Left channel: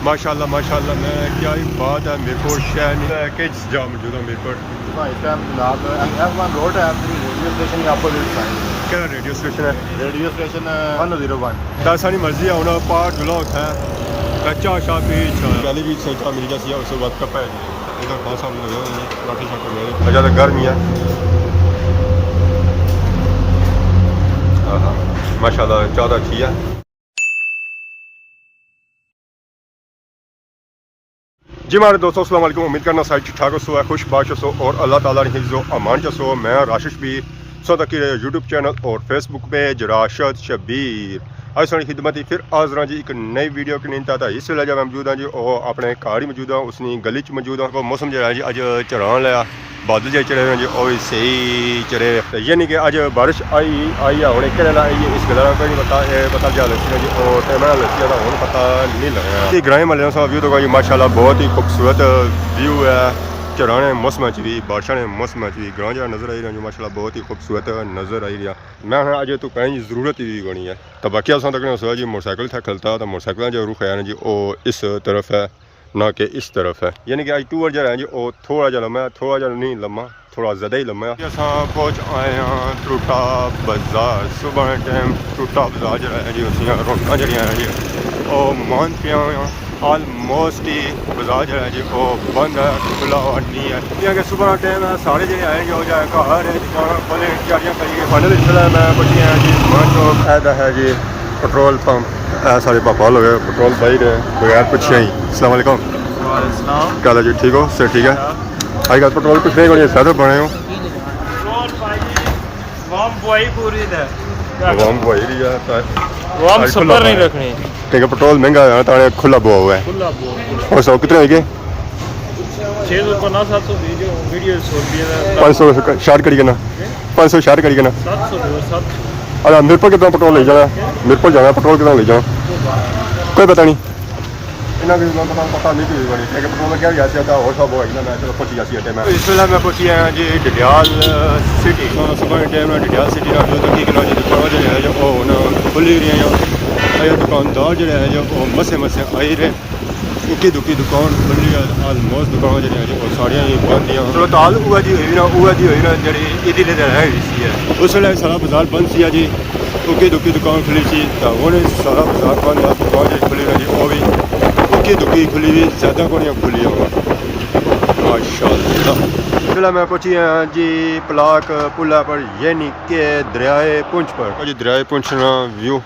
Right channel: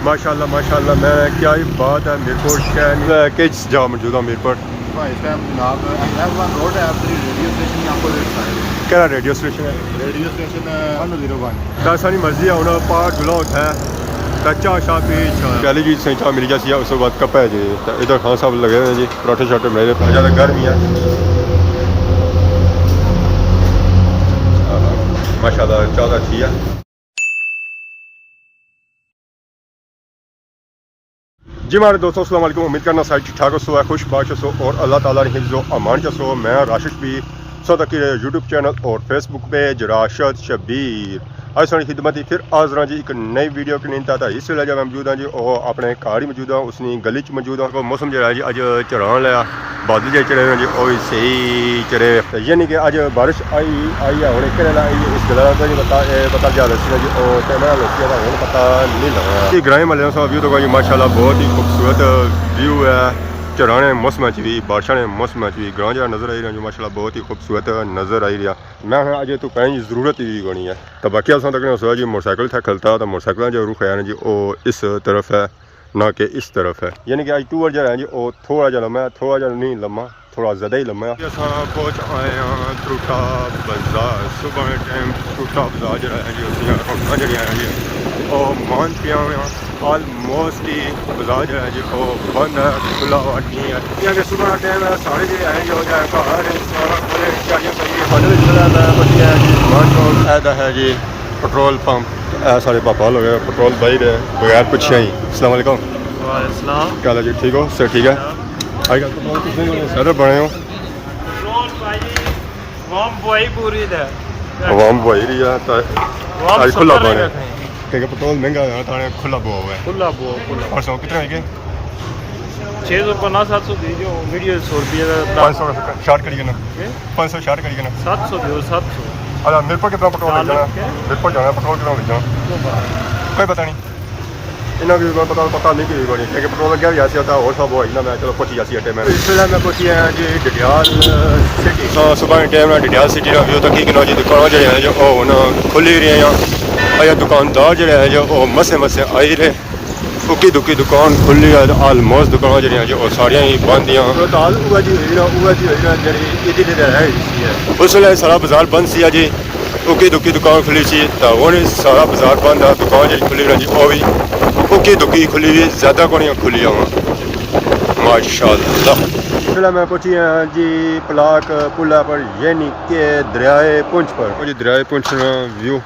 माशाल्लाह मैं क्या ही बात है मीरपुर शहर के जहाँ मौजूद हूँ मीरपुर इस टाइम जनाब F1 रोड है आपकी रेडियो स्टेशन आपको क्या रेडियो स्टेशन है रेडियो स्टेशन 101 दासानी मर्जी है उन्होंने पार जुला होता है कच्चा शाह पीछ चली जी सही चाह मिली जैसी है उसके बाद कप है जी इधर खान साहब लगे हुए हैं जी पराठे शाठे मेरे ज़्यादा गर्म ही है हाँ माशाल्लाह ज़्यादा अच्छी है जी हमारे दोस्तों अस्सलाम वालेकुम उम्मीद करना सारी ठीक ठाक हो खुश बाश हो और अल्लाह ताला ने हिफ्ज़ो अमान हो मैं राशिद भी सौदा की यूट्यूब चैनल और फेसबुक पेज राशिद शबीर आज सारी खिदमत ही फिर आज जी एक नई वीडियो की नींद आता इस वेले मैं मौजूद हाँ जी और अपने घर ही मौजूद हाँ उसनी गली च मौजूद हाँ मौसम जो है जी अज चढ़ान लिया बादल जो चढ़े हुए जी और सही चढ़े यानी कि अज बारिश आई है हूँ एक आई इस गल का कोई नहीं पता जा लसी जी और टाइम लसी का हूँ पता नहीं लगा ग्रां महल का व्यू तो जी माशाल्लाह बहुत ही खूबसूरत व्यू है चढ़ाने मौसम ची बारिशा ने मौसम ची ग्रां जहाँ नज़र आई रहा जो माशाल्लाह बहुत ही खूबसूरत नज़र आई रहा मैं अज तो कहीं ज़रूरत ही कोनी है तो बाकी असा तक सोचा जी मोटरसाइकिल था खलता तो मोटरसाइकिल जो रुख है जी वो इस तरफ है ना कि इस तरफ है यानी कि अज टूर जो है जी वो थोड़ा जहा लम्बा है थोड़ा जहा नहीं लम्बा थोड़ा ज़्यादा ही लम्बा है असा पहुँच आए हैं टूटा बाजार सुबह टाइम टूटा बाजार जो है जी उसमें रौनक जड़िया हैं जी और मान पिया हुआ आलमोस्ट ही बाजार जो है जी वो बंद है खुला हुआ नहीं है क्योंकि सुबह का टाइम है सारे जो है जो घर है खोले तैयारियां करिए फाइनल चला मैं बच्चे हैं जी मान चौक ऐदा है जी पेट्रोल पंप सारे पापा लोग पेट्रोल भाई रहे बगैर पूछे ही अस्सलाम वालेकुम क्या हाल है जी ठीक हो सर ठीक है अजकल पेट्रोल कुछ नहीं बने सर बने हो आवाम बुआई रही है तो आज खुला पानी क्योंकि पेट्रोल महंगा है तो खुला बुआ हुआ है और सौ कितने होगी 650 700 दीजिए वीडियो 500 शार्ट करिए ना 500 शार्ट करिए ना 700 दो 700 अरे मिरपुर कितना पेट्रोल ले जाना मिरपुर जाना पेट्रोल कितना ले जाना कोई पता नहीं इन्ना भी पता नहीं कि बनी क्योंकि पेट्रोल क्या भी आता और सब हो ना मैं चलो पहुंची जाती है टाइम इस वेले मैं पहुंची आया जी डडियाल सिटी सुबह टाइम डडियाल सिटी का व्यू तक कि जी दुकान जो है जो खुली रही हैं या दुकानदार जो है जो मसे आई रहे उकी दुकी दुकान खुली है आलमोस्ट दुकान जो सारिया ही बंद जी उस वे सारा बाजार बंद सी जी उकी दुकी दुकान खुली सी तो हूँ सारा बाजार बंद है दुकान जी खुली रही वो भी उकी दुकी खुली हुई ज़्यादा को खुली हुआ माशाल्लाह फिलहाल मैं पहुंची हाँ जी पलाक पुला पर यानी कि दरियाए पुंछ पर जी दरियाए पुंछ ना व्यू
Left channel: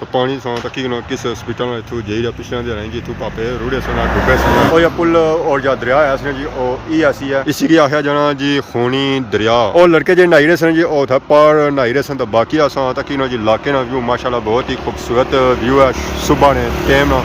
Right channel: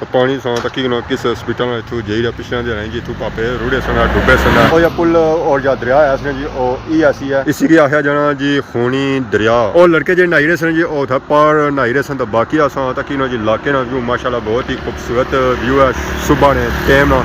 तो पानी सा तकी किस हॉस्पिटल इतू जाइए पिछले दे जी इतू पापे रुड़े सना डुबे सना और या पुल और या दरिया है जी ओ ऐसी है इसी की आख्या जाना जी खूनी दरिया और लड़के जो नहाई रहे सन जी ओ था पार नहाई रहे सन तो बाकी असा तकी जी इलाके ना व्यू माशाल्लाह बहुत ही खूबसूरत व्यू है सुबह ने टाइम ना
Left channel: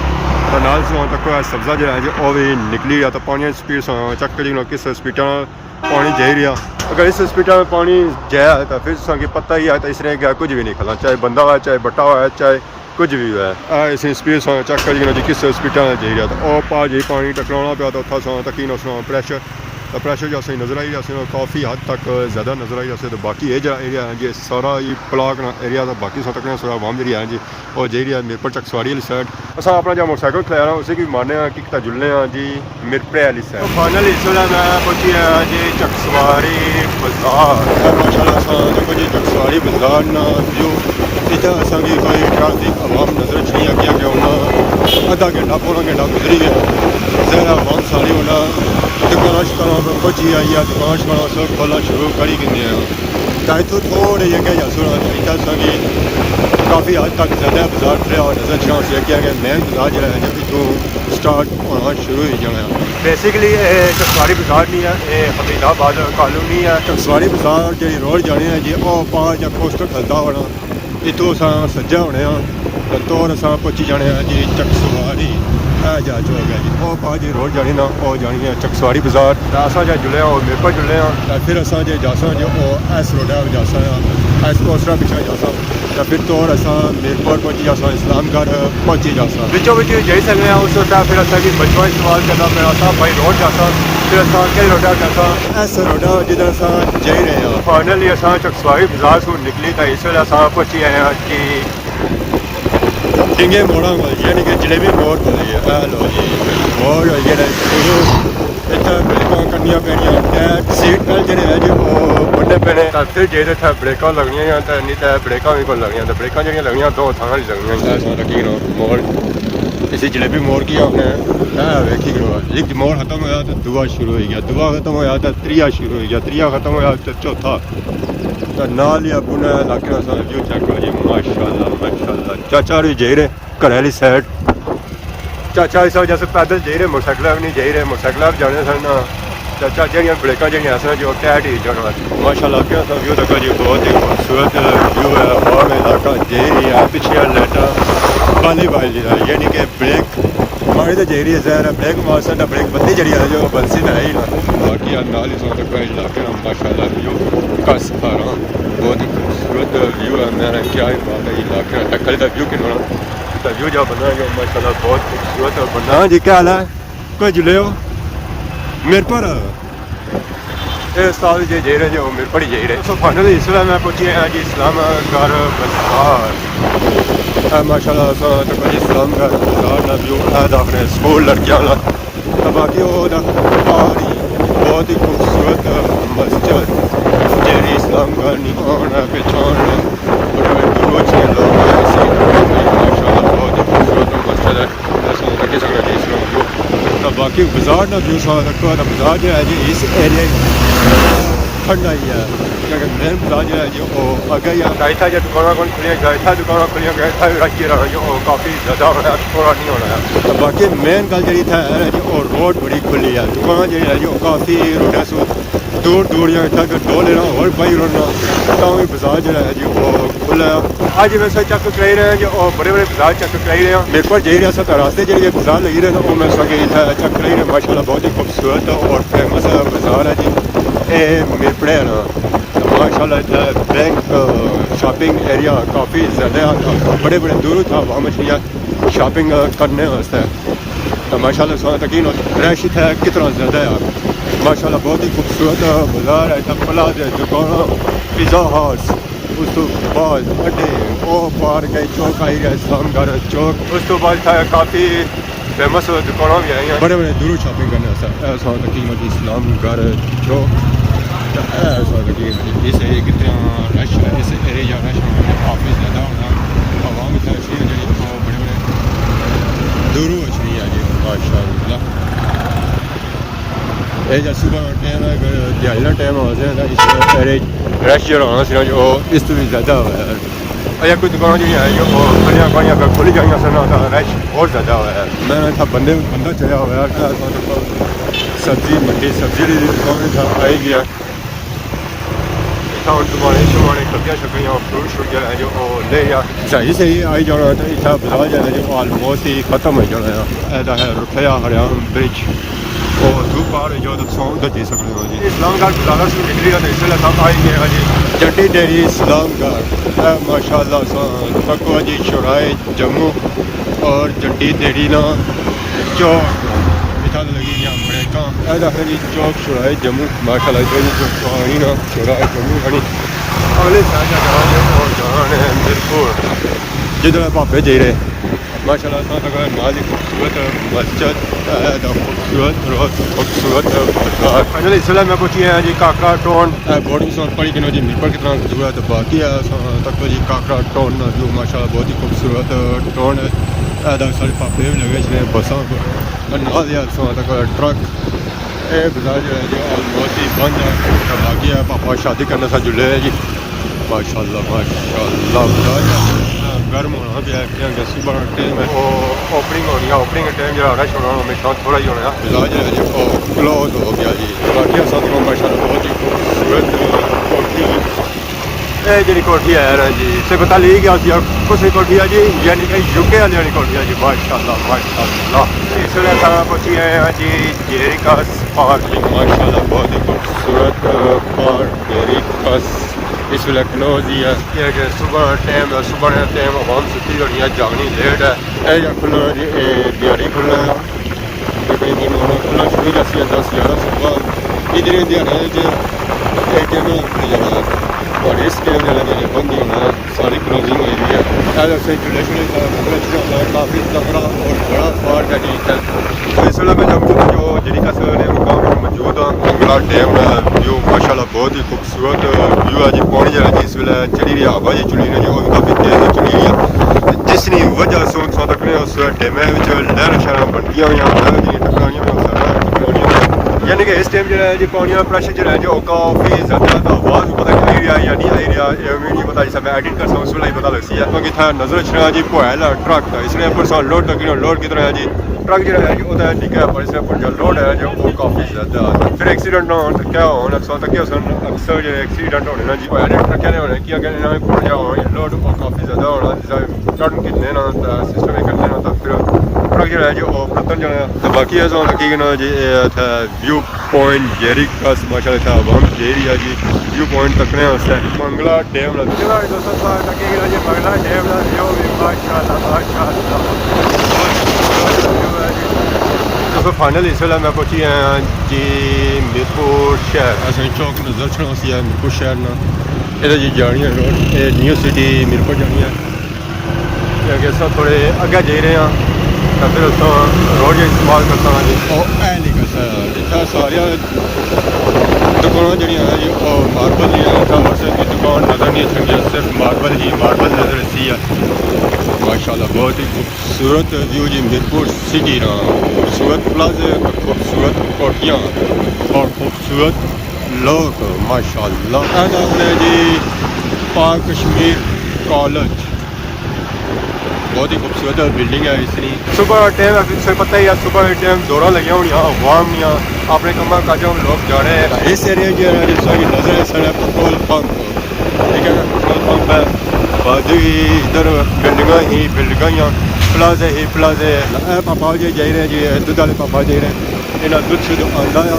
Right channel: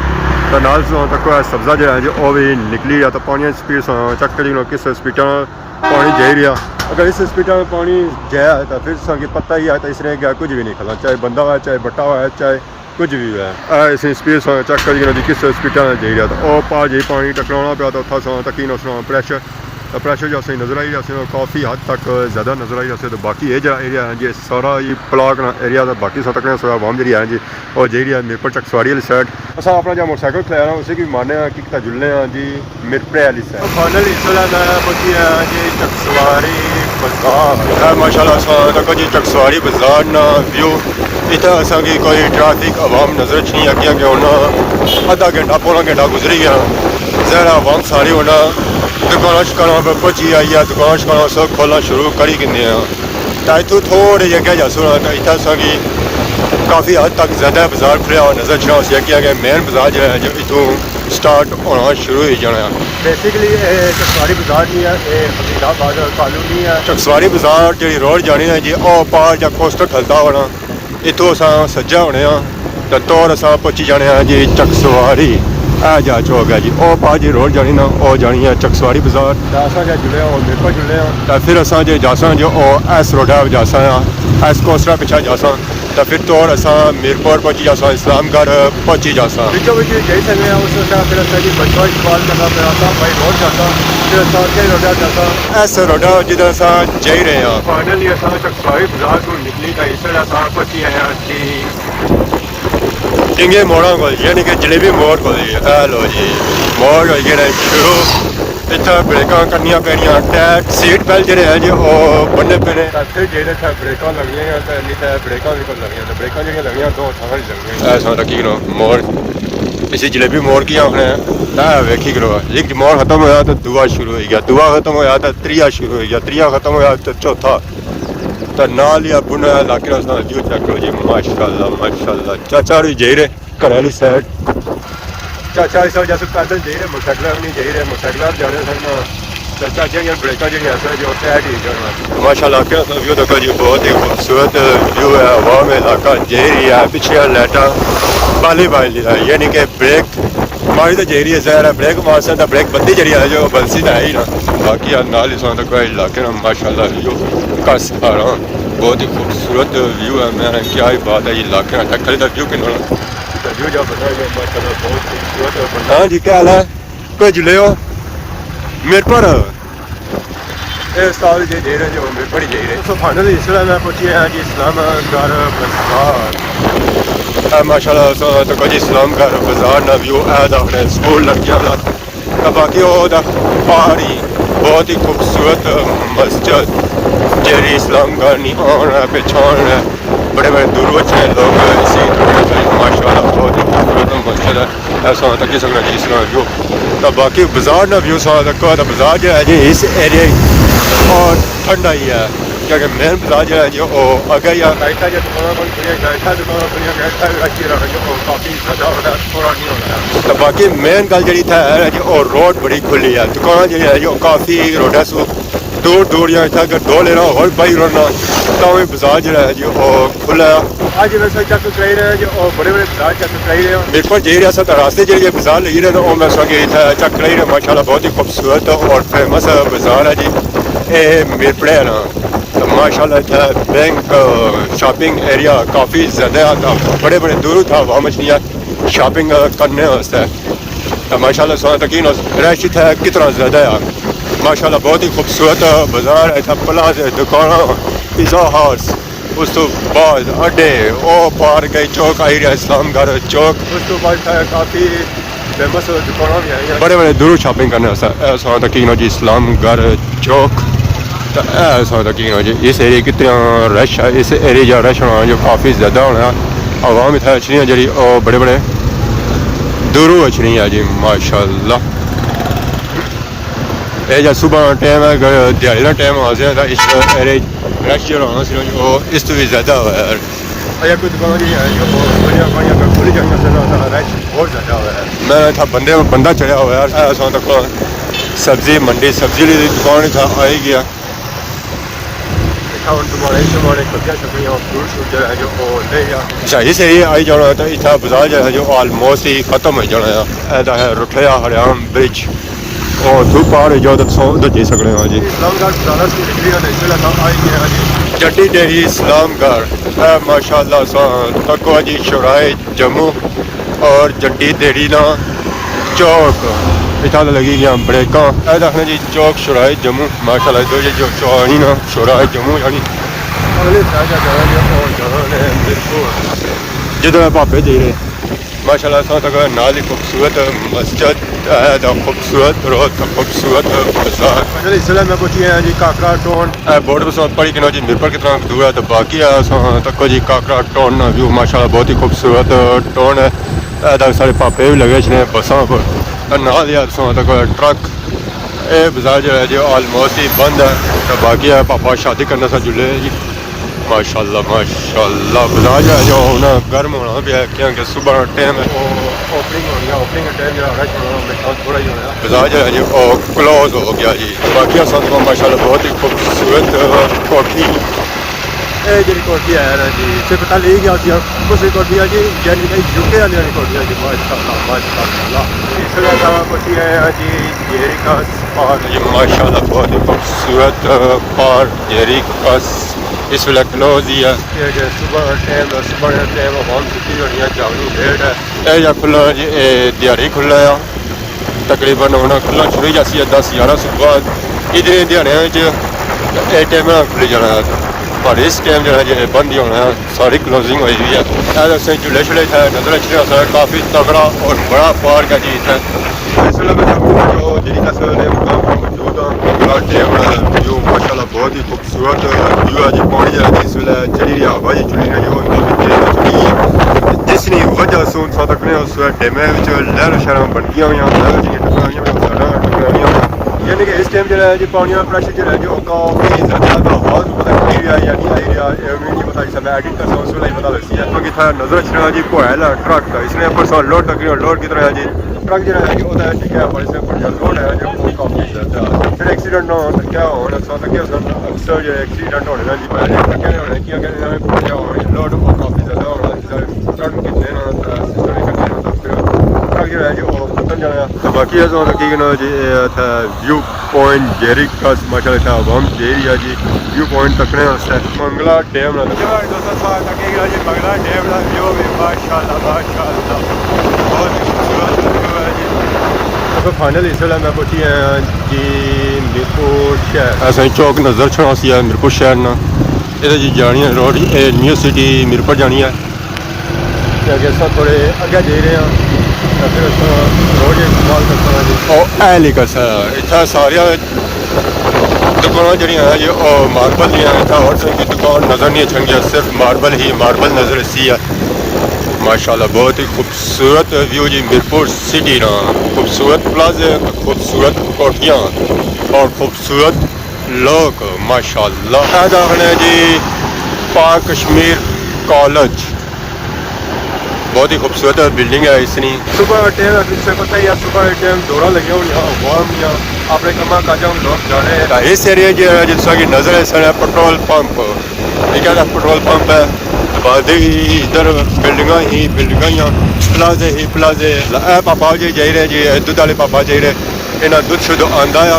तो नाल तक सब्जा जो है जी वो भी निकली रहा तो पानी स्पीड से चक जी किस हॉस्पिटल पानी जा रहा अगर इस हॉस्पिटल में पानी जाया है तो फिर संगे पता ही है तो इसने क्या कुछ भी नहीं खला चाहे बंदा है चाहे बट्टा है चाहे कुछ भी है इस स्पीड से चक जी किस हॉस्पिटल में जा रहा तो वह पा जी पानी टकराना पाया तो उतना तकी प्रेशर तो प्रेशर जो असं नज़र आई रहा काफ़ी हद तक ज़्यादा नज़र आई रहा तो बाकी ये जरा एरिया है जी सारा ये प्लाक ना एरिया तो बाकी सब तक आवाम जी है जी और जी रही है मीरपुर चकसवाड़ी वाली साइड अस अपना जो मोटरसाइकिल खिलाया उसे भी मारने कि जुलने जी मीरपुर वाली साइड फाइनल इस वे मैं पहुंची हाँ जी चकसवाड़ी बाजार माशाल्लाह तक जी चकसवाड़ी बाजार ना व्यू इतना असा की कोई ट्रैफिक आवाम नज़र नहीं अगे अगे होना अद्धा घंटा पौना घंटा गुजरी गया ज़रा आवाम सारी होना दुकान शकाना पर पहुंची आई है दुकान शकाना सब खोलना शुरू करी कि तो इतों थोड़े जगह जा सुना तो इतना सा काफ़ी हद तक ज़्यादा बाजार खुलिया नज़र चढ़ा उसे अगे अगे मेन बाजार जो है जो इतों स्टार्ट होना शुरू हो जाना बेसिकली चकसवाड़ी बाजार नहीं है ये हमीदाबाद कॉलोनी है चकसवाड़ी बाजार जी रोड जानी है जी ओ पार या कोस्टर खलता होना इतों अस सज्जा होने तो तौर अस पहुंची जाने जी चकसवाड़ी जा चौक है जी ओ पा जी रोड जानी ना ओ जानी है चकसवाड़ी बाजार असा जो जुले और मीरपुर जुले तो फिर असा जो जासा जो एस रोडा जासा एस कोस्टरा पिछा जासा तो फिर तौर अस मीरपुर पहुंची जासा इस्लामगढ़ पहुंची जासा बिचों बिच जाई सकते हैं उस वक्त फिर असा जी बचवा इस्तेमाल करना पे आता भाई रोड जासा फिर असा के रोडा जासा एस रोडा जिधर अस जाई रहे हैं फाइनली असा चकसवाड़ी बाजार को निकली था इस वे अस पहुंची आए हैं जी डिंगे मोड़ा को यानी कि जलेबी मोड़ को लो जी मोड़ हो गया शुरू इतना ब्रेक करनिया पैनिया टैक सीट बेल्ट जो है जी वो बनने पैने फिर जो ब्रेक लगनिया तो नहीं तो ब्रेक भी को लगियां तो ब्रेक जो लगियां दो थां लगियां ऐसा की मोड़ इसी जलेबी मोड़ की आपने वेखी करो एक मोड़ खत्म होया तो दुआ शुरू हो गया दुआ खत्म होया तो त्रिया शुरू हो गया त्रिया खत्म होया तो चौथा तो नाल या बुना इलाके जो चलो जी माशाल्लाह चाचा भी जाई रहे घर वाली साइड चाचा इस वजह से पैदल जाई रहे मोटरसाइकिल भी नहीं जाई रहे मोटरसाइकिल जाने सन चाचा जी ब्रेक जी जो तैट ही जाना माशाल्लाह व्यू देखो जी बहुत ही खूबसूरत व्यू है वाम इलाका जेरी है पिछले लाइटा बाली बाली यानी कि ब्रेक मारी तो जेरी है जहर है ब्रेक मारसन तो ब्रेक बत्ती जरी है जो बंसी तो है ही ना बाकी नाल ही सुना कोई इलाके में माशाल्लाह व्यू कस पा रहा बहुत ही खूबसूरत व्यू है मैंने क्या ही बात है ये इलाके में खाली का व्यू किन्हों व्यू जो बना गया माशाल्लाह बहुत खूबसूरत बना हाँ जी क्या हाल है कोई जुले हो मेरे पर साल जे रहे जो मेरे पर ही जा रहे तो फाइनल इसलिए मैं पहुंचे हैं जी इस्लाम घर बाजार माशाल्लाह तो कुछ इस्लाम घर बाजार ना व्यू है अपने स्कूल लड़कियां वाला तो बाकी वो पहाड़ी बहुत ही खूबसूरत मस्जिद जेरी इस्लाम घर नहीं आना पहचान है बड़े बड़े दूर से लोग इसी माशाल्लाह बहुत ही खूबसूरत मस्जिद है ऐसा होता कि सकना जी इस्लाम व्यू तो बाकी बाजार ना व्यू सा बाजार जो है जी इस एरिया और ठंडा ही है क्योंकि मेन बाजार जो है जो अगर या गायठा जो दुकान खुलिया गायठा दुकान खुलिया गायठा रखी रहा जो काफ़ी ज़्यादा हो रहा थोड़ा नहीं हो रहा तो बाकी मेन गल जी है जो रोड बड़ी खुली है दुकान जो है जो काफ़ी रोडा सू दूर दूर या इतना अगर दो लेना और बाई रोना तो बाजार जो है जो खुला आज वैसे चेक कराई रहे हैं जो बड़े बड़े बाजार चेक कराई रहे हैं मेरे को जी रहा था रास्ते जो बाजार लगी रहे तो मैं सके चेक कराई रहे माशाल्लाह बहुत ही खूबसूरत और फेमस बाजार है जी ये मिरपड़े है ना तो माशाल्लाह इतना बैंक शॉपिंग एरिया काफ़ी ज़्यादा बड़े बड़े दूर था वहाँ मछलियाँ शॉपिंग करने वास्ते तो माशाल्लाह सोना तकीन रश था कितना ज़्यादा है माशाल्लाह बहुत ही खूबसूरत बाजार है प्लाज दुकान पिज़्ज़ा हाउस उस तो बाद अड्डे वो पार गई चौक आई रहा इस्लाम घर चौक उस तो बाद काफ़ी फेमस दुकान भी आई बड़े बड़े दूर शॉपिंग करने ऐसा तकीन जी इस्लाम घर चौक तो ऐसा तकीन जी इस एरिया कितना रश है इस एरिया रश होना जो काफ़ी ज़्यादा होना आवाम इतना अच्छी जी बड़े बड़े दूरों अच्छी है जी माशाल्लाह ये जब सुबह टाइम है दिहाड़ी का टाइम आ जाए इस एरिया रश जो होना सी जो इस तो भी ज़्यादा हुआ है अगर कोई दुकान जी है जो बनिया बाइया अगर खुली जाएंगे सना रश बहुत ज़्यादा हुआ है मैं था बंदा चढ़ा हुआ है ऐसा तक सब्जी मंडी सब्जी की दुकान था आई गया टमाटे शमाटे सब्जियां शब्जियां फ्रूट श्रूट जो है जो ले जा अच्छा इस एरिया आई जाना तो इतना बाजार जो है जो ऑलमोस्ट ही खत्म हो जाना है रुठया हरियाण ब्रिज और धूप पहाड़ जाओ तो उधर जा सकते हैं जी इस्लामगढ़ बाजार से निकली तो इसलिए हम आई गए जी जड्डी डेरी इस्लामगढ़ माशाल्लाह तको जी शोराए जम्मू और जड्डी डेरी ना चौक इतना लगी गया ब्रेक देखने जी चौक शोराए जम्मू माशाल्लाह जो चौनी ना शोराए जम्मू यानी अगले साइड जाना जी और जाना है बिल्कुल जिधर भापे जा रहे माशाल्लाह तक नाल ही खूबसूरत मस्जिद खूबसूरत रोड खूबसूरत बाजार इसलिए मैं पूछी है जी काकरा टोन बोर्ड पर पढ़ी कि जी मिरपर कितना दूर है तो बाकी है तक जी काकरा टोन व्यू माशाल्लाह बहुत ही खूबसूरत टोन है सारे पापे भी लगे ने बसा पर नाल यार तक ट्रक ये बाजार जो है जो ऑलमोस्ट ही बंद है तो बाकी है पापा शादी करने से जुड़े है जी माशाल्लाह बाजार जो है जो ना गर्म होना भी है क्योंकि सुबह टाइम है वो ओपनिंग होनी है ओपनिंग टाइम जो रश होना मेरे ख्याल थोड़ा ही होना है बाजार जो है जी वो क्लोज हो गया जी बाकी असां को माशाल्लाह बहुत ही खूबसूरत कोठी ये जी कोठी है जी से पता ले गया जी कुछ कोठी है जी यानी कि यूके वाली कोठी है जी माशाल्लाह इसलिए का कोठी है जी जेरी का पार्क जी माशाल्लाह बहुत ही खूबसूरत पार्क जेरी का इस वेले क्लोज ही है सुबह टाइम आवाम सुती होनी है जागनी लेट है या खुला जी दिहाड़ी खुला है तकरीबन होना खुला शुरू जासी 10-11 सुबह इधर दिहाड़ियां टाइम खुली जाना पर इस टाइम जो है ये बंद ही होना है, सारी क्लोजिंग हुई हुई है। ऐसे झूले शूले है नजर अच्छे काफ़ी तगड़ा और बड़ा पार्क है जी इतना। इस वेले मैं जो जी कसर ने मुकाम पर मौजूद हाँ, बड़ा डैम व्यू माशाल्लाह बहुत ही खूबसूरत व्यू है जी। पानी जो है इस वेले चढ़ी रही हवा जी चुली रही है काफ़ी तेज चुली है, जिसकी वजह से इंसान तक ने उस डैम लहर शहर बनती हुई लहर जी टकराई हुई, यानी कि इस टाइम जो है जी पानी का प्रेशर जो है जो काफ़ी ज़्यादा आवाज़ पता आई रहा है या नहीं आई रहा है नहीं पता, जिससे मैं एडिट कर सकूँ उस वेले ही पता लगती है क्योंकि था नजर अच्छा जी पोहला ट्रक था इसने पर लोड तक लोड की तरह है जी। ट्रक जो है जो निका है पर इसमें पर जो लोड है जो वो काफ़ी ज़्यादा फिर एक्सीडेंट ना हो क्या होना तक अक्सर जो एक्सीडेंट होने ना जी ट्रक होने की लोड काफ़ी ज़्यादा होना टर्न कितने ना सिस्टम करने ना फिर ट्रक जो है जो प्रतन जो है तो बाकी है कि जी व्यू पॉइंट जेरी का माशाल्लाह था वम जेरी है जी व्यू पॉइंट तकने वास्ते मंगला डैम मंगला डैम तो फाइनल इस वेला मैं पहुंची हैं जी मीरपुर शहर। ऐसा चौक नज़र छासी है मीरपुर शहर ना ये जी जानी है रोड न्यू सिटी मीरपुर जानी है क्योंकि अस थोड़े अगे जा रहे हैं तो फिर उस रोड इस्तेमाल करता जी। और ए लिखा सा इतना सारिया दुकान जी जी और मार्बल भी है इतना और की दुकान नज़र नहीं अच्छी सिर्फ मार्बल ही मार्बल नज़र सी है माशाल्लाह। बहुत ही खूबसूरत व्यू जी मीरपुर सिटी ना, खूबसूरत प्लाजे खूबसूरत कोठियाँ और खूबसूरत लोग माशाल्लाह। दाखिल है जी पाक कश्मीर कॉलेज, बहुत ही खूबसूरत बिल्डिंग है इसकी। सुबह टाइम है पता ही है सुबह टाइम दौरा लगे हो यहाँ वाम या अपने कमा काजा लोग जा रहे हैं इस एरिया की जिसका की नज़र है सर पेट्रोल पंप ठीक है पेट्रोल पंप है बाद इधर बिल्डिंगा ही प्लाजे ही प्लाजे पापा जी जा रहे जी दुध वाले पापा जा रहे इन्हें दुध शुद्ध आंदा है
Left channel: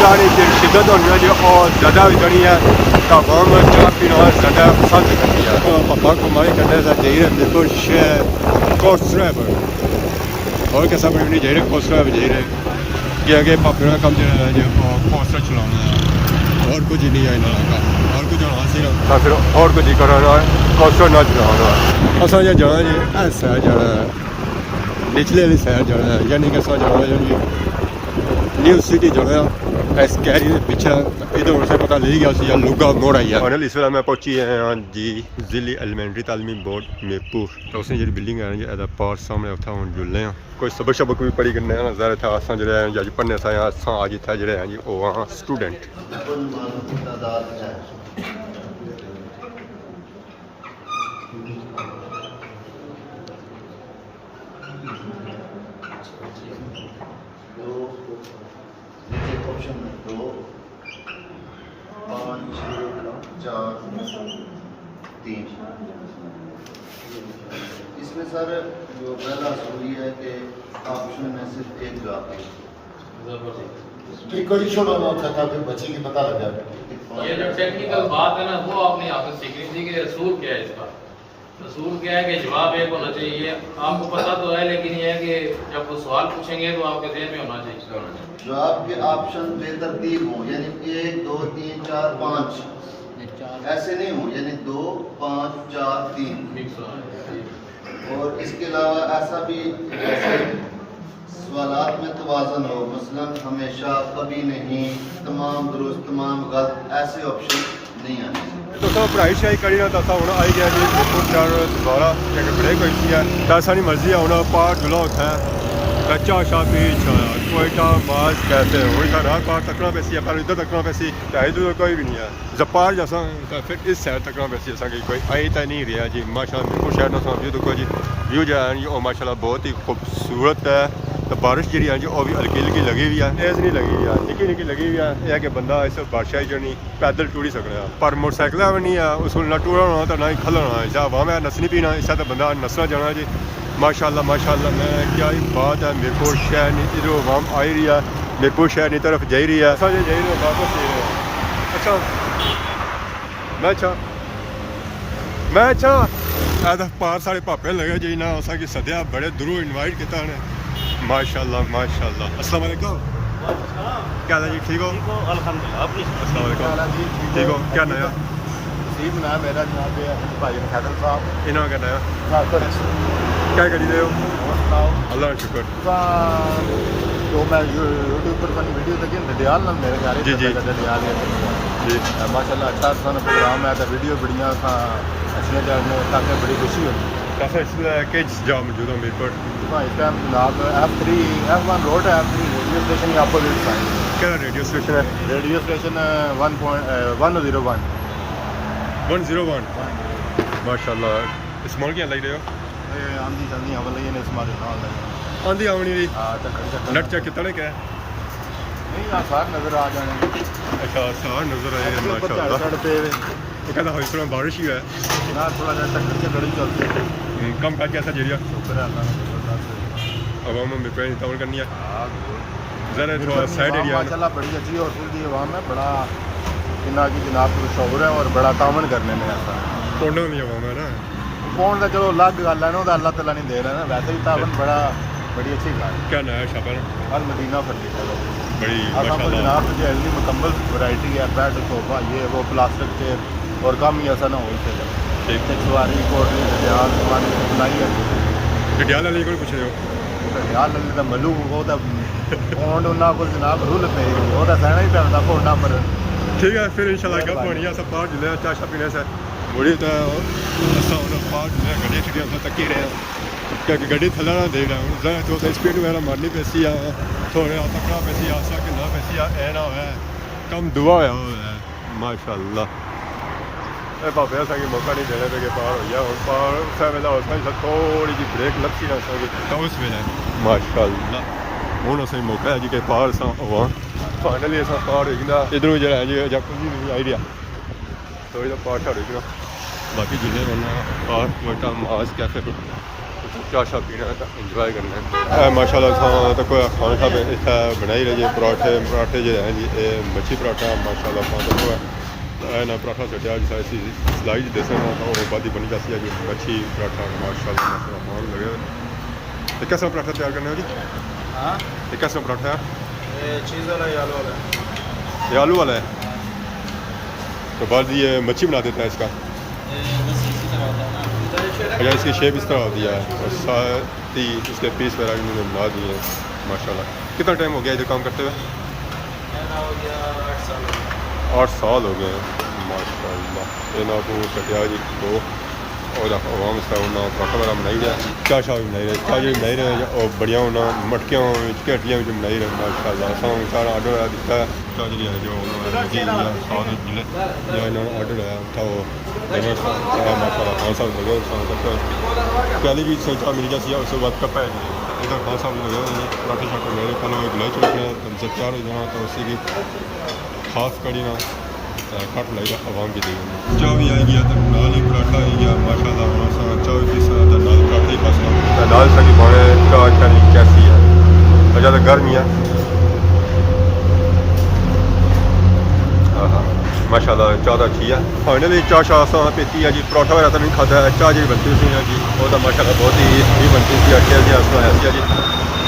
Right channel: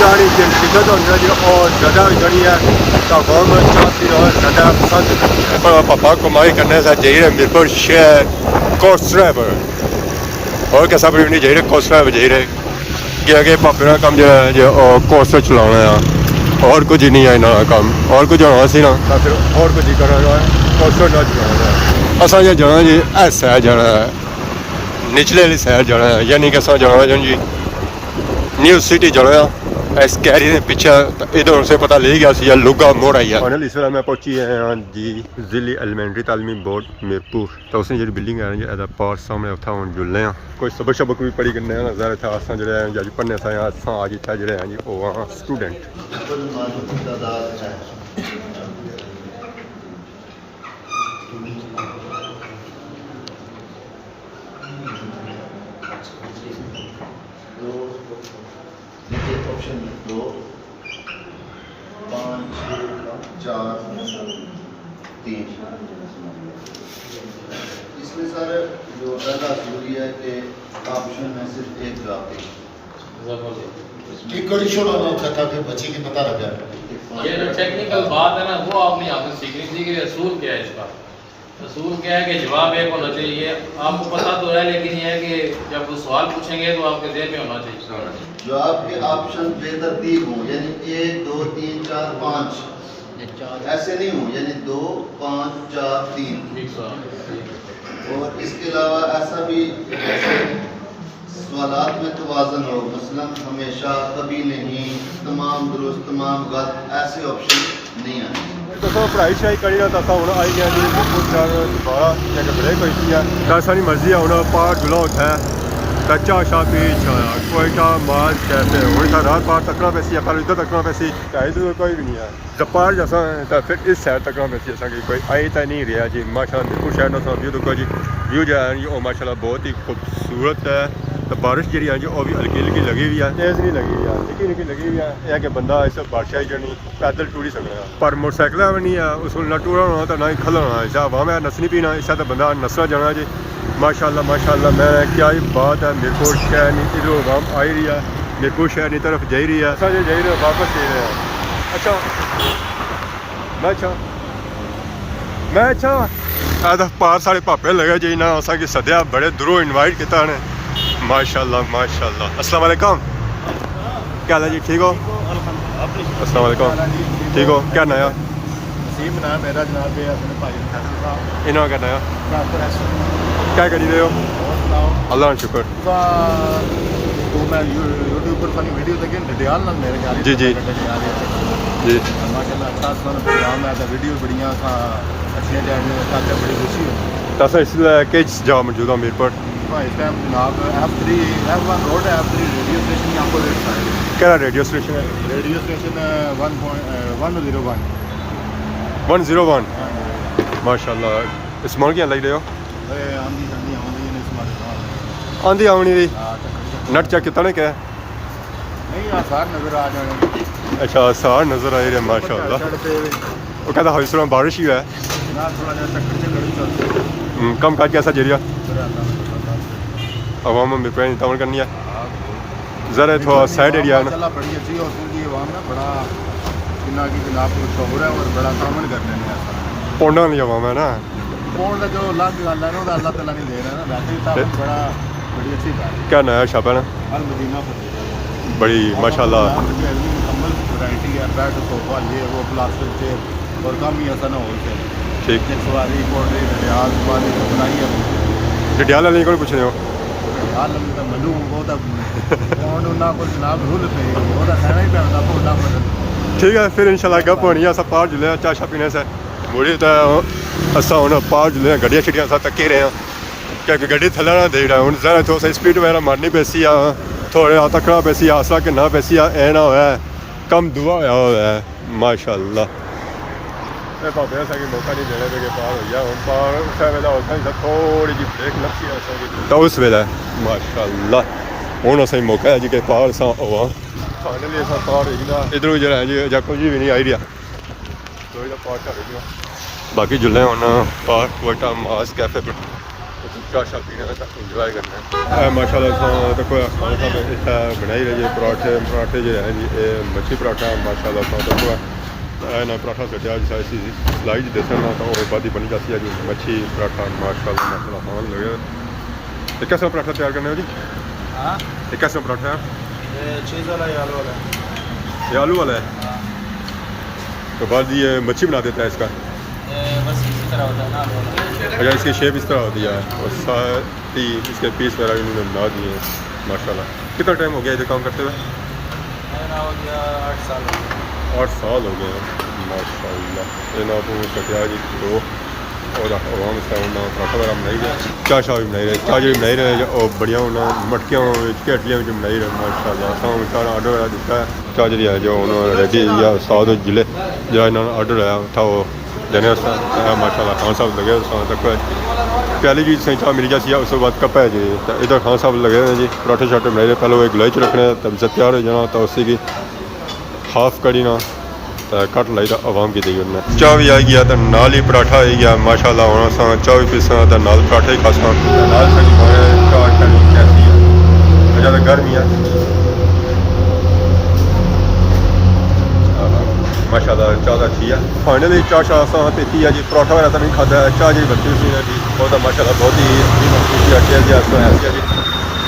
चाह शिद्दत होनी जी और ज़्यादा गनी है तो आवाम चाह पीना ज़्यादा पसंद करती है और पापा कमाई करने से जा रहे मीरपुर शहर कोर्स ड्राइवर और कैसा भी नहीं जा रहे कोर्स ड्राइवर जा रहे कि आगे पापे का काम जो है जो कोर्स चलाना है और कुछ नहीं है ना काम और कुछ होना सी ना तो फिर और कुछ ही कराना है कोर्स ना चलाना है। असा जो जाना जी ए सैर जाना है निचले वाली सैर जाना है यानी कि असा जाना जी न्यू सिटी जाना है इस कैरी के पीछे इधर से पता ले गया सी लुगा मोड़ आई है। फाइनल इस वेला मैं पहुंची है जी जिली एलिमेंट्री तालीमी बोर्ड मीरपुर तो उसने जी बिल्डिंग है जी पार सामने उठा हम जुलने हैं कोई सबक शबक भी पढ़ी करने नज़र था असा जो जी पढ़ने से आज इतना जो जी वो स्टूडेंट ऑप्शन 2 5 4 3 इसमें सर जो पहला जरूरी है कि ऑप्शन में सिर्फ एक जवाब फिर बच्ची की पता लगा। ये जो टेक्निकल बात है ना वो आपने यहाँ से सीखनी थी कि असूल क्या है इसका। असूल क्या है कि जवाब एक होना चाहिए आपको पता तो है लेकिन ये है कि जब वो सवाल पूछेंगे तो आपके दिल में होना चाहिए जो आपके ऑप्शन बेतरतीब हों यानी 1 2 3 4 5 ऐसे नहीं हो यानी 2 5 4 3 और इसके अलावा ऐसा भी सवालात में तवाज़न हो मसलन हमेशा कभी नहीं तमाम दुरुस्त तमाम गलत ऐसे ऑप्शन नहीं आने। तो पढ़ाई शढ़ाई करी ना तो हूँ आई गया जी मीरपुर शहर दोबारा क्या ब्रेक हुई सी है तो सारी मर्जी है हूँ पार जुला उठा है कच्चा शाह पीछ कोयटा मार्च कैसे हूँ इतना रात पार तकना पैसी है पर इधर तकना पैसी ढाई तो कोई भी नहीं है जपार जैसा तो फिर इस साइड तकना पैसी असा कोई आई तो नहीं रहा जी माशा मीरपुर शहर ना व्यू देखो जी व्यू जो है वो माशाल्लाह बहुत ही खूबसूरत है। तो बारिश जी है वो भी हल्की हल्की लगी हुई है तेज़ नहीं लगी हुई है निकी निकी लगी हुई है यह कि बंदा इस बारिश जनी पैदल टूरी सकना पर मोटरसाइकिल भी नहीं है उस ना टूरा होना तो ना ही खलना इस वहाँ मैं नसनी पीना इससे तो बंदा नसना जाना जी माशाल्लाह मैं क्या ही बात है मीरपुर शहर नहीं इधर वाम आई रही है मीरपुर शहर की तरफ जा रही है असा जा रहे वापस जा रहे हैं। अच्छा मैं पार साढ़े पापे लगे जी ना असा कि सद्या बड़े दूरों इनवाइट किया ने माशाल्लाह अस्सलाम वालेकुम क्या हाल है जी, ठीक हो? अल्हम्दुलिल्लाह। अपनी अस्सलाम वालेकुम, ठीक हो? क्या नया? नसीब ना मेरा जनाब ये अपने भाई खादम साहब इन्हों क्या नया? क्या करी रहे हो? और सुनाओ अल्लाह का शुक्र। तो मैं यूट्यूब पर सानी वीडियो देखी डडियाल नाल मेरे ख्याल जी, जी। डडियाल जी माशाल्लाह अच्छा सानू प्रोग्राम है तो वीडियो बढ़िया अच्छियां चढ़ने ताकि बड़ी खुशी होती है। तो इसलिए किस जा मौजूद हूँ मीर पर? इस टाइम जनाब F1 रोड है, F3 रेडियो स्टेशन ही आपको क्या रेडियो स्टेशन है? रेडियो स्टेशन 101 101 माशाल्लाह। इस्माइल क्या लग रहे हो? आंधी शांधी हम लगे ने इसमारे ना लगे आंधी आवनी दी हाँ चक्कर नट चेक कितना ने क्या? नहीं आसार नजर आ जाने अच्छा सार नज़र आ रहे माशाल्लाह। वो कहता है इस तरह बारिश ही है ना थोड़ा सा चक्कर ही चलते कम काज कैसा जरिया शुक्र है अल्लाह ने जबरदस्त अवाम में पेड़ तमन करनी है हाँ ज़रा थोड़ा साइड एरिया है ना। माशाल्लाह बड़ी अच्छी और फुल की आवाम है बड़ा किना की जनाब तो शोर है और बड़ा तामन करने में ऐसा है पोंडा नहीं अवाम है ना। कौन सा चलो अलग गल है ना अल्लाह ताला नहीं दे रहा ना वैसे ही तामन बड़ी अच्छी गल है। क्या नया शॉप है ना? अल मदीना फर्नीचर बड़ी माशाल्लाह मुकम्मल वैरायटी है बेड सोफा ये वो प्लास्टिक चेयर और कम ही ऐसा ना होल सेल है ठीक। एक सवारी कोटरी डडियाल सवारी सप्लाई है डडियाल वाले को पूछ रहे हो? डडियाल लगे तो मलू वो तो पौंड उन्होंने को जनाब रुल पे वो तो सहना ही पैदा पौंडा पर ठीक है फिर इंशाल्लाह गप होनी है। अस पार जुले चाह शा पीने से मुड़ी तो असा हूँ पार जुले गड्डियां छड्डियां अस तक्की रहे हैं क्योंकि गड्डी थल्ले ना दे रहा हूँ जरा थोड़ा सा स्पीड वगैरह मारनी पैसी आ थोड़े तकना पैसी आसला कि ना पैसी ऐ ना होया कम दुआ होया है माशाल्लाह। ए भावे असेंगी मौका नहीं देने पे कि पार हो गया हूँ पार उस वेले असें थोड़ी जी ब्रेक लगी असेंगी तो उस वेले माशाल्लाह हूँ असें मौका है जी कि पार अस होवां फाइनली अस पार हो गया इधरों जो है जी अजा कुछ भी नहीं आई रहा थोड़ी देर पार छड़ गया बाकी जुल्ले हूँ पार वोटा मास कैफे पर चाह शाह पीना इंजॉय करना है माशाल्लाह तो कोई खाना साहब इतना बनाई रहे जी पराठे जो हैं जी ये मच्छी पराठा माशाल्लाह तो कोई ना पराठा सटिया ऐसी सिलाई दसन ना तो बादी बनी जाती है जी मच्छी पराठा माशाल्लाह माशाल्लाह खान लगे। ये कैसा पराठा तैयार करने हो जी? हाँ ये कैसा पराठा है? चीज़ वाला ये आलू वाला ये आलू वाला है तो बाद ये मच्छी बना देता है इसका बस इसी तरह होता है ना अच्छा इसकी शेप इस तरह होती है और साथ ही इसके पीस वगैरह इन्होंने बना दिए हैं माशाल्लाह। कितना टाइम हो गया इधर काम करते हुए? मेरा हो गया 8 साल हो गया 8 साल हो गए माशाल्लाह। ये ना आपको सटिया जी तो और आवाम इसका उन्ना पराठा वगैरह बनाई रहे चाह शाह भी बनाई रहे चाह भी बनाई रहे और बढ़िया उन्ना मटकियां केटलियां भी बनाई रहे माशाल्लाह। असां सारा ऑर्डर वगैरह दिता है चाह जी है जो उन्होंने रेडी या साथ जिले जो इन्होंने ऑर्डर आया था वो जने माशाल्लाह खान साहब लगे तक पहली चीज़ सही चाह मिल जाती है उसके बाद कप है जी इधर खान साहब लगे हैं जी पराठे शाठे बनाए रहे पहले वो एक गिलाई च रखने तब से तैयार हो जाना तो उसी की हाफ कड़ी ना कट लाई तो आवाम की दी उन्हें चाह भी आई गया तो नाल ही पराठा आई गया माशाल्लाह होना सा चाह भी पीसा तो नाल पराठा ही खासा नाल सही पाने चाह करनी कैसी है अच्छा तो गर्मी है माशाल्लाह चाह तो अच्छी है। फाइनली चाह शाह असा पीती है जी पराठा वगैरह तो नहीं खाता है चाह जी बनती सी है जी वो तो माशाल्लाह बहुत ही बनती सी अटे जी ऐसा ऐसी है जी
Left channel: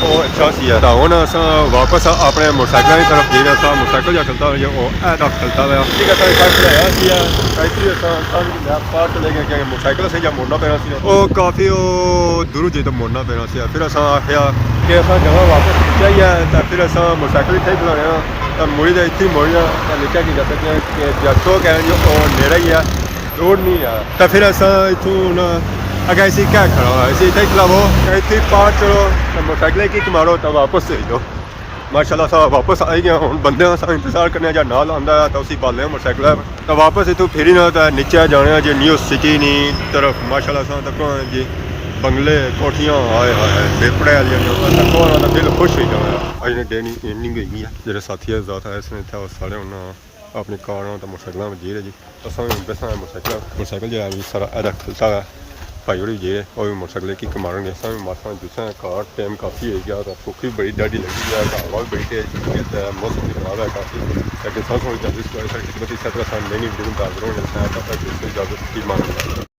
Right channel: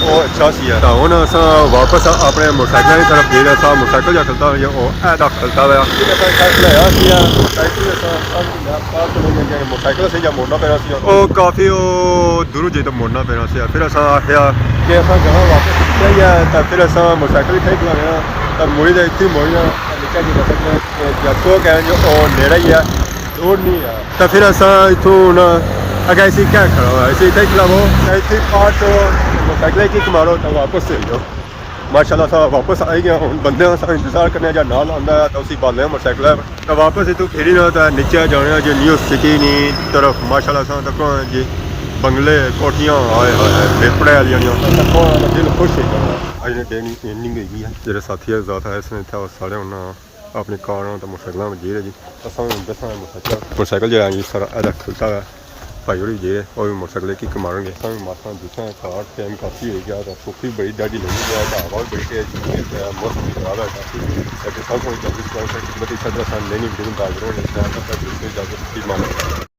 वो अच्छा सी है। तो हूँ अस वापस अपने मोटरसाइकिल की तरफ गए था मोटरसाइकिल जो खलता हुआ वो ऐसा खलता हुआ पार चले गए मोटरसाइकिल से जब मोड़ना पैना वो काफ़ी दूर जे तो मोड़ना पैना फिर अस आखिया कि अस जगह वापस निकल ही है तो फिर अस मोटरसाइकिल इतना ही चलाने तो मुड़ी तो इतनी मोड़िया तो निकल के जा सकते कि जस्तो कहें जो नेड़ा ही है दूर नहीं है तो फिर अस इतों अगर इसी क्या खड़ा हुआ इसी इतना ही खिलावो इतनी पार चलो तो मोटरसाइकिल किक मारो तो वापस चल जाओ माशाल्लाह सा वापस आई गया हूँ बंदे इंतजार करने जा नाल आंदा है तो उसी पाले मोटरसाइकिल तो वापस इतों फिरी ना तो नीचे जाने जी न्यू सिटी नी तरफ माशाल्लाह सा तक जी बंगले कोठियां आए हाय हाय बेपड़े वाली तक दिल खुश हो जाना अज ने डेनी इनिंग हुई है जो साथी ज़्यादा है इसने इतना सारे उन्हें अपनी कार तो मोटरसाइकिल में जी रहे जी असा बेसा मोटरसाइकिल जो है जी सारा ऐसा खलता है भाई होरी जे और भी मोटरसाइकिल की मारेंगे असा भी मासा जुसा कार टाइम काफ़ी हो गया तो भुख भी बड़ी डाढ़ी लगी गया तो हवा भी बड़ी तेज मौसम भी खराब है काफ़ी लेकिन सब इजाजत लेनी वीडियो में डाल रहा हूँ इजाजत की मांग